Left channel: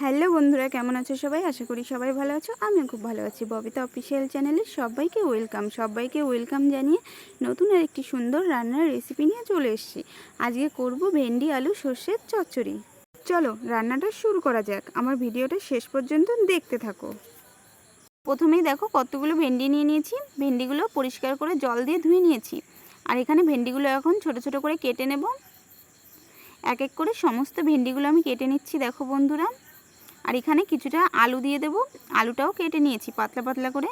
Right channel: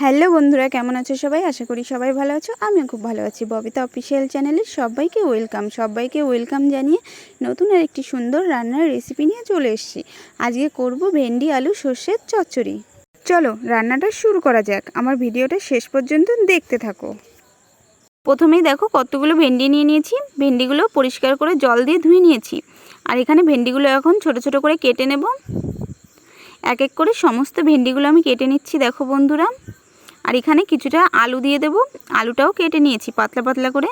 Hello বন্ধুরা, কেমন আছো সবাই? আশা করি সবাই ভালো আছো। আমিও খুব ভালো আছি। ববিতা অফিসিয়াল চ্যানেলে সবাইকে ওয়েলকাম জানিয়ে নতুন আর একটি সুন্দর রান্নার রেসিপি নিয়ে চলে এসেছি। আজকে করব ভেন্ডি আলু সর্ষের চচ্চড়ি। চলো রান্নাটা শুরু করা যাক। আমার ভিডিওটা শেষ পর্যন্ত দেখতে থাকো। প্রথমেই দেখো কতগুলো ভেন্ডি নিয়ে নিয়েছি। ভেন্ডিগুলো পরিষ্কার করে জল দিয়ে ধুয়ে নিয়েছি। আর এখানে ভেন্ডিগুলো এখন ছোট ছোট করে কেটে নেব। এক এক করে সমস্ত ভেন্ডিগুলো আমি কেটে নিচ্ছি দেখো বন্ধুরা। আর এখানে কিছুটা আলু দিয়ে দেব। আলুটাও কেটে নিয়েছি পাতলা পাতলা করে।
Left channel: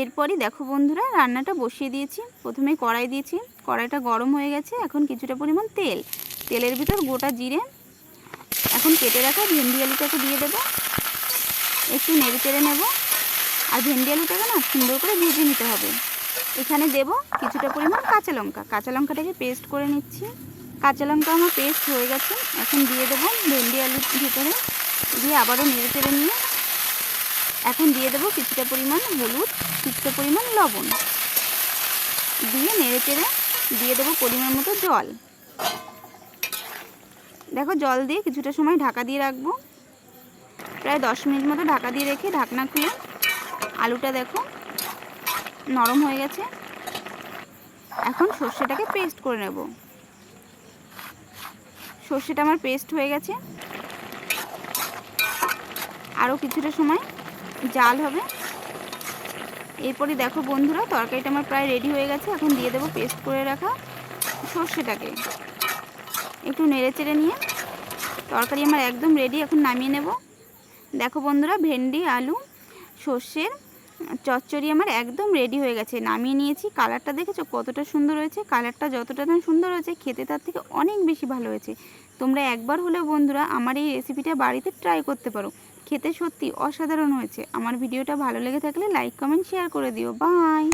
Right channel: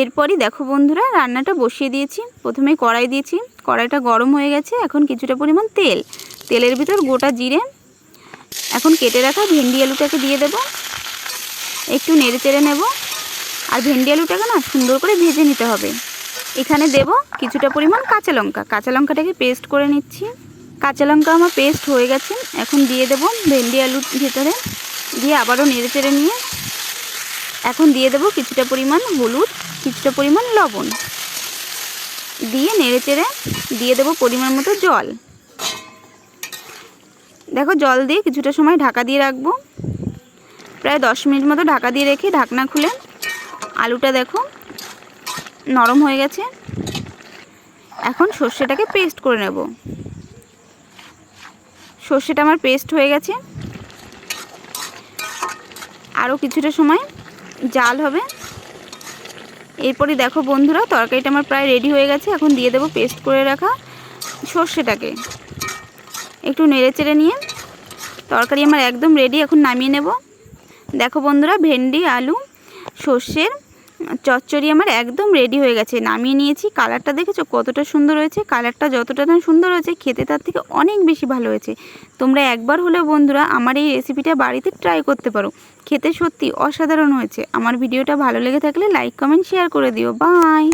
এরপরই দেখো বন্ধুরা রান্নাটা বসিয়ে দিয়েছি। প্রথমেই কড়াই দিয়েছি, কড়াইটা গরম হয়ে গেছে। এখন কিছুটা পরিমাণ তেলের ভিতর গোটা জিরে, এখন কেটে রাখা ভেন্ডি আলুটাকে দিয়ে দেব। একটু নেড়ে চেড়ে নেব। আর ভেন্ডি আলুটাকে না সুন্দর করে ভেজে নিতে হবে। এখানে দেব কিছুটা পরিমাণ কাঁচা লঙ্কাটাকে পেস্ট করে নিচ্ছি। কাঁচা লঙ্কা আমার পেস্ট হয়ে গেছে। এখন দিয়ে দেব ভেন্ডি আলুর ভিতরে, দিয়ে আবারও নেড়ে চেড়ে নিয়ে এখন দিয়ে দেব কিছুটা পরিমাণ হলুদ, কিছুটা পরিমাণ লবণ দিয়ে নেড়ে চেড়ে দিয়ে দেব পরিমাণ মতো জল। দেখো জল দিয়ে কিছুটা সময় ঢাকা দিয়ে রাখবো। প্রায় 10 মিনিট মতো ঢাকা দিয়ে রেখে ঢাকনা খুলে আলুটা দেখো নরম হয়ে গেছে। এখন সর্ষেটাকে পেস্ট করে নেব। সর্ষেটা আমার পেস্ট হয়ে গেছে। আরও কিছুটা সময় জাল হবে। এরপরই দেখো বন্ধুরা তরকারিটা আমার প্রায় রেডি হয়ে গেছে। এখন দিয়ে দেবো পেস্ট করে রাখা সর্ষেটাকে। একটু নেড়ে চেড়ে নিয়ে তরকারি আমার একদম রেডি। এখন নামিয়ে নেব। দেখো বন্ধুরা ভেন্ডি আলু সর্ষের চচ্চড়ি আমার একদম রেডি হয়ে গেছে। নামিয়ে নিয়েছি। কালারটা দেখেছো কতটা সুন্দর হয়েছে? কালারটা যতটা না সুন্দর হয়েছে খেতে তার থেকে অনেক বেশি ভালো হয়েছে। তোমরা একবার হলেও বন্ধুরা আমার এই রেসিপিটা বাড়িতে ট্রাই করতে পারো। খেতে সত্যি অসাধারণ হয়েছে। আমার ভিডিওটা ভালো লেগে থাকলে লাইক কমেন্ট শেয়ার করে দিও। বাই।